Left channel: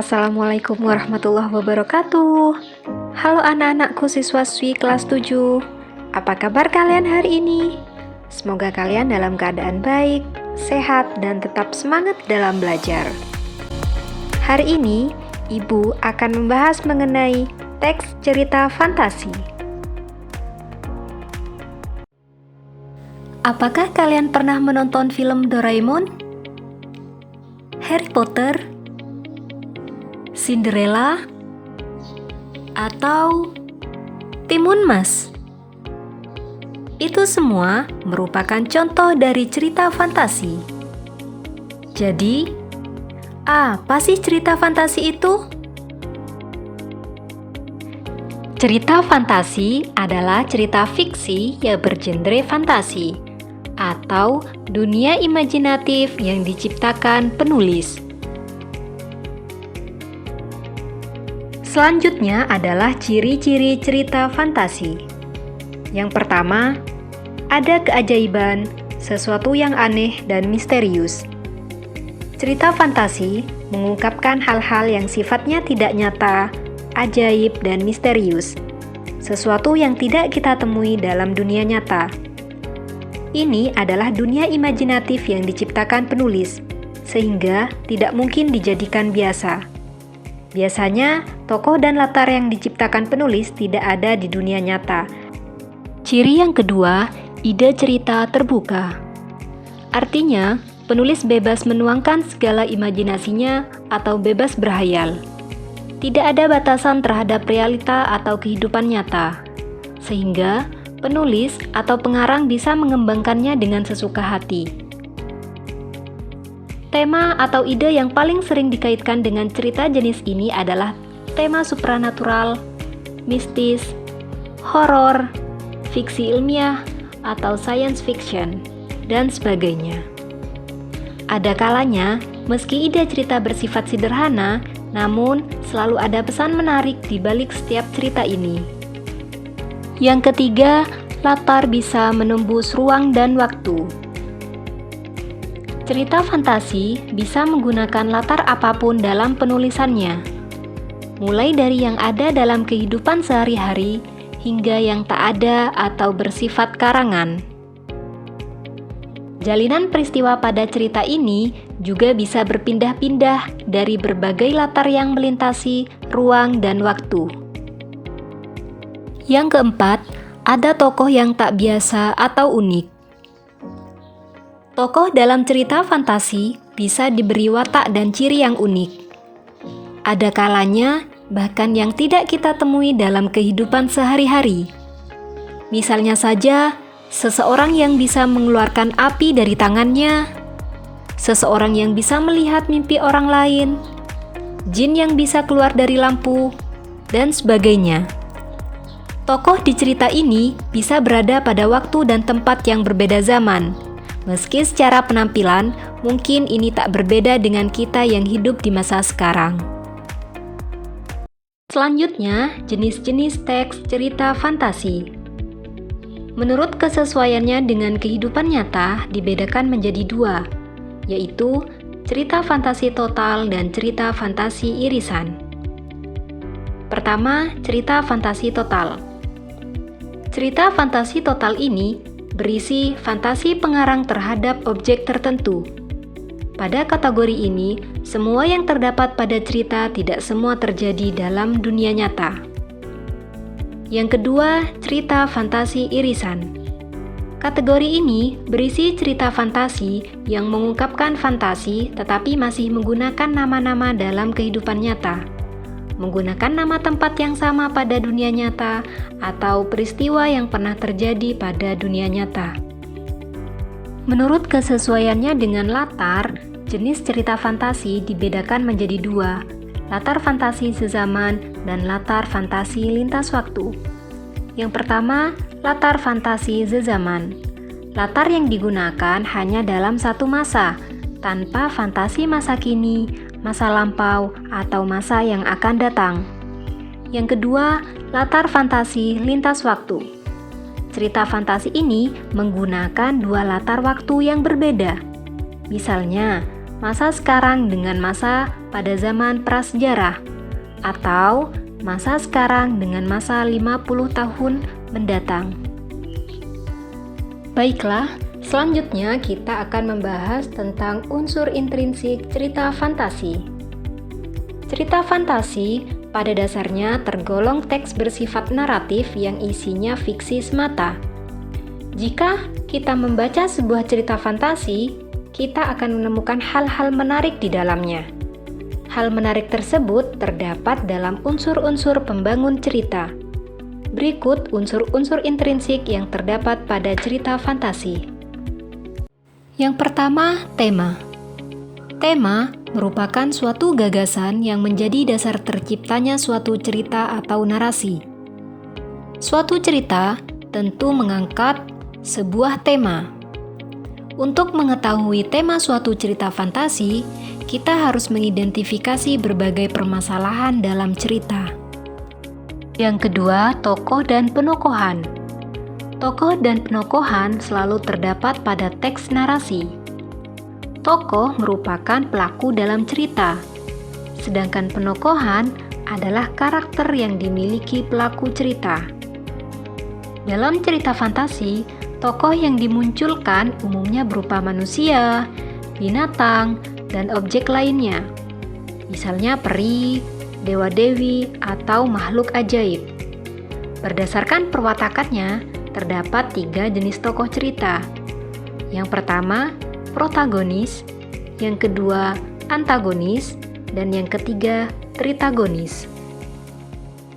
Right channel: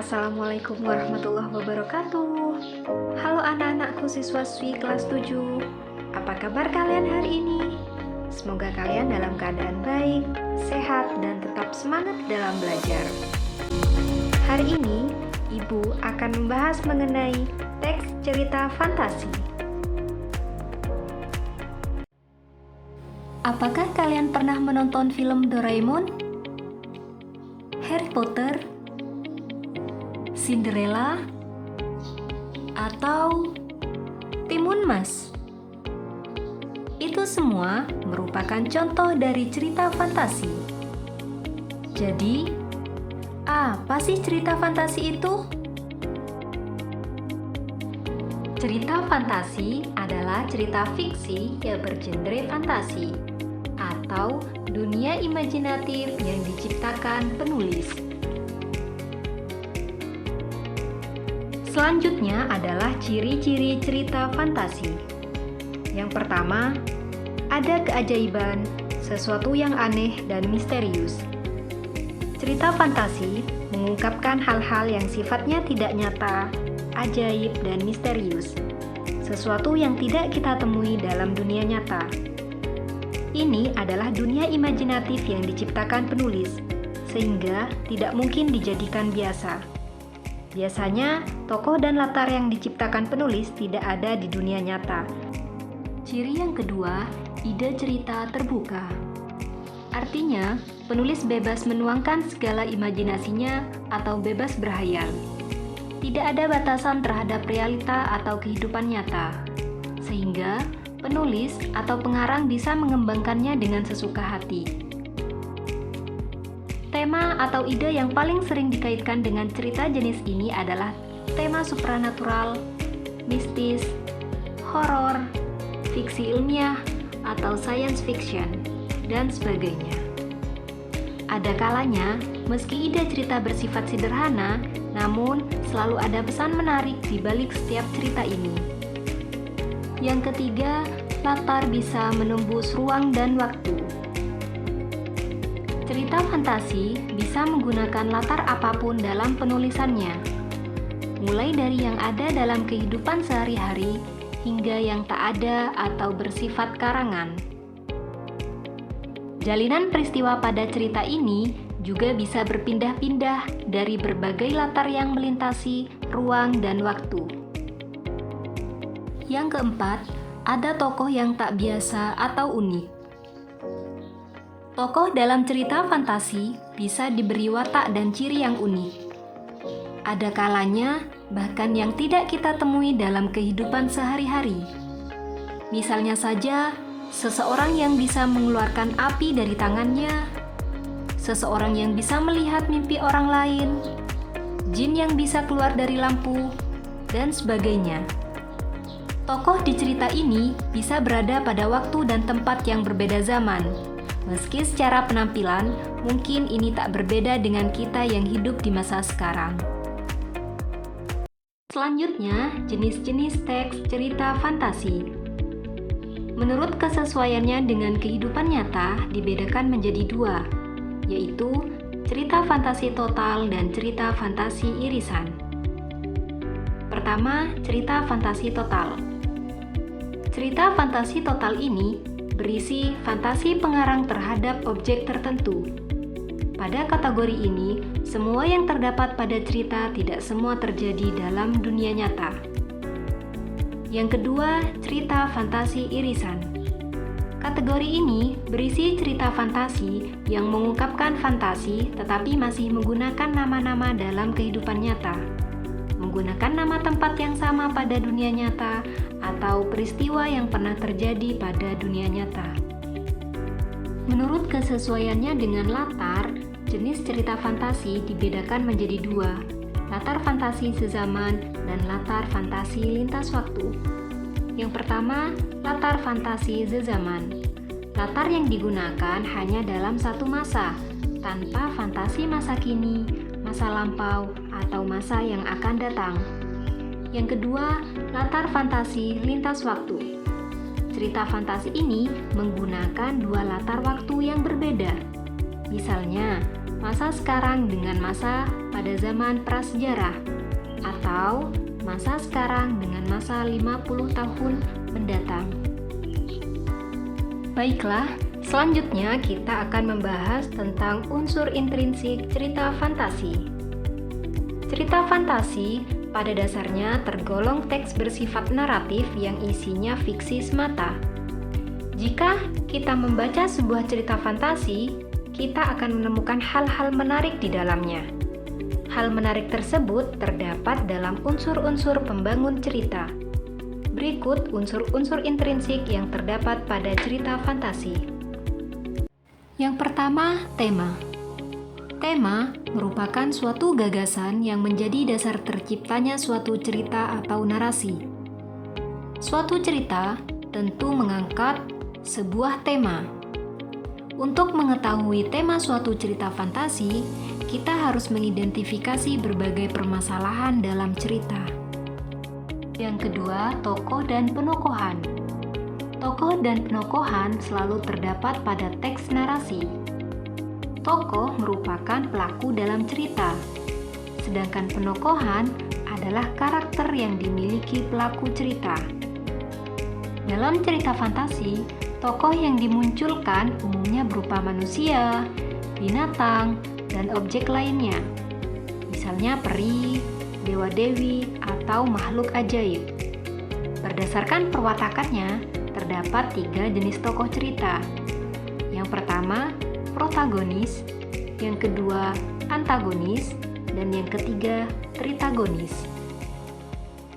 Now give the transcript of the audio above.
Assalamualaikum warahmatullahi wabarakatuh. Halo anak-anakku siswaswi kelas 7. Apa kabar kalian hari ini? Semoga kalian dalam keadaan baik, sehat, dan tetap semangat dalam belajar. Hari ini, Ibu akan membahas mengenai teks cerita fantasi. Apakah kalian pernah menonton film Doraemon? Harry Potter? Cinderella, atau Timun Mas? Itu semua merupakan contoh dari cerita fantasi. Jadi, apa sih cerita fantasi itu? Cerita fantasi adalah cerita fiksi yang bergenre fantasi atau dunia imajinatif yang diciptakan penulis. Selanjutnya adalah ciri-ciri cerita fantasi. Yang pertama, ada keajaiban, sesuatu yang aneh dan misterius. Cerita fantasi mengungkapkan hal-hal yang sifatnya tidak nyata, ajaib, dan misterius. Sesuatu yang tidak kita temui dalam dunia nyata. Ini adalah dunia imajinatif yang diciptakan penulis, sehingga tidak mungkin dijadikan biasa. Biasanya, tokoh dan latar yang diciptakan penulis tidak ada di dunia nyata. Ciri yang kedua, ide cerita terbuka. Artinya, penulis bebas menuangkan segala imajinasinya atau bebas berhayal. Tidak ada batasan terhadap realita atau kehidupan nyata, sehingga penulis atau pengarang bisa mengembangkannya dengan sesuka hati. Tema atau ide yang paling sering dikaitkan dengan cerita jenis ini adalah tema supranatural, mistis, horor, fiksi ilmiah, atau science fiction, dan sebagainya. Ada kalanya, meski ide cerita bersifat sederhana, namun selalu ada pesan menarik di balik setiap cerita ini. Yang ketiga, latar bisa menembus ruang dan waktu. Cerita fantasi bisa menggunakan latar apapun dalam penulisannya, mulai dari yang ada dalam kehidupan sehari-hari hingga yang tak ada atau bersifat karangan. Jalinan peristiwa pada cerita ini juga bisa berpindah-pindah dari berbagai latar yang melintasi ruang dan waktu. Yang keempat, ada tokoh yang tak biasa atau unik. Tokoh dalam cerita fantasi bisa diberi watak dan ciri yang unik. Ada kalanya bahkan yang tidak kita temui dalam kehidupan sehari-hari. Misalnya saja, seseorang yang bisa mengeluarkan api dari tangannya, seseorang yang bisa melihat mimpi orang lain, jin yang bisa keluar dari lampu, dan sebagainya. Tokoh di cerita ini bisa berada pada waktu dan tempat yang berbeda zaman. Meski secara penampilan, mungkin ini tak berbeda dengan kita yang hidup di masa sekarang. Selanjutnya, jenis-jenis teks cerita fantasi. Menurut kesesuaiannya dengan kehidupan nyata, dibedakan menjadi dua, yaitu cerita fantasi total dan cerita fantasi irisan. Pertama, cerita fantasi total. Cerita fantasi total ini berisi fantasi pengarang terhadap objek tertentu. Pada kategori ini, semua yang terdapat pada cerita tidak semua terjadi dalam dunia nyata. Yang kedua, cerita fantasi irisan. Kategori ini berisi cerita fantasi yang mengungkapkan fantasi tetapi masih menggunakan nama-nama dalam kehidupan nyata, menggunakan nama tempat yang sama pada dunia nyata atau peristiwa yang pernah terjadi pada dunia nyata. Menurut kesesuaiannya dengan latar, jenis cerita fantasi dibedakan menjadi dua, latar fantasi sezaman dan latar fantasi lintas waktu. Yang pertama, latar fantasi sezaman. Latar yang digunakan hanya dalam satu masa, tanpa fantasi masa kini, masa lampau, atau masa yang akan datang. Yang kedua, latar fantasi lintas waktu. Cerita fantasi ini menggunakan dua latar waktu yang berbeda. Misalnya, masa sekarang dengan masa pada zaman prasejarah, atau masa sekarang dengan masa 50 tahun mendatang. Baiklah, selanjutnya kita akan membahas tentang unsur intrinsik cerita fantasi. Cerita fantasi pada dasarnya tergolong teks bersifat naratif yang isinya fiksi semata. Jika kita membaca sebuah cerita fantasi, kita akan menemukan hal-hal menarik di dalamnya. Hal menarik tersebut terdapat dalam unsur-unsur pembangun cerita. Berikut unsur-unsur intrinsik yang terdapat pada cerita fantasi. Yang pertama, tema. Tema merupakan suatu gagasan yang menjadi dasar terciptanya suatu cerita atau narasi. Suatu cerita tentu mengangkat sebuah tema. Untuk mengetahui tema suatu cerita fantasi, kita harus mengidentifikasi berbagai permasalahan dalam cerita. Yang kedua, tokoh dan penokohan. Tokoh dan penokohan selalu terdapat pada teks narasi. Tokoh merupakan pelaku dalam cerita, sedangkan penokohan adalah karakter yang dimiliki pelaku cerita. Dalam cerita fantasi, tokoh yang dimunculkan umumnya berupa manusia, binatang, dan objek lainnya. Misalnya peri, dewa-dewi, atau makhluk ajaib. Berdasarkan perwatakannya, terdapat 3 jenis tokoh cerita. Yang pertama, protagonis, yang kedua, antagonis, dan yang ketiga, tritagonis.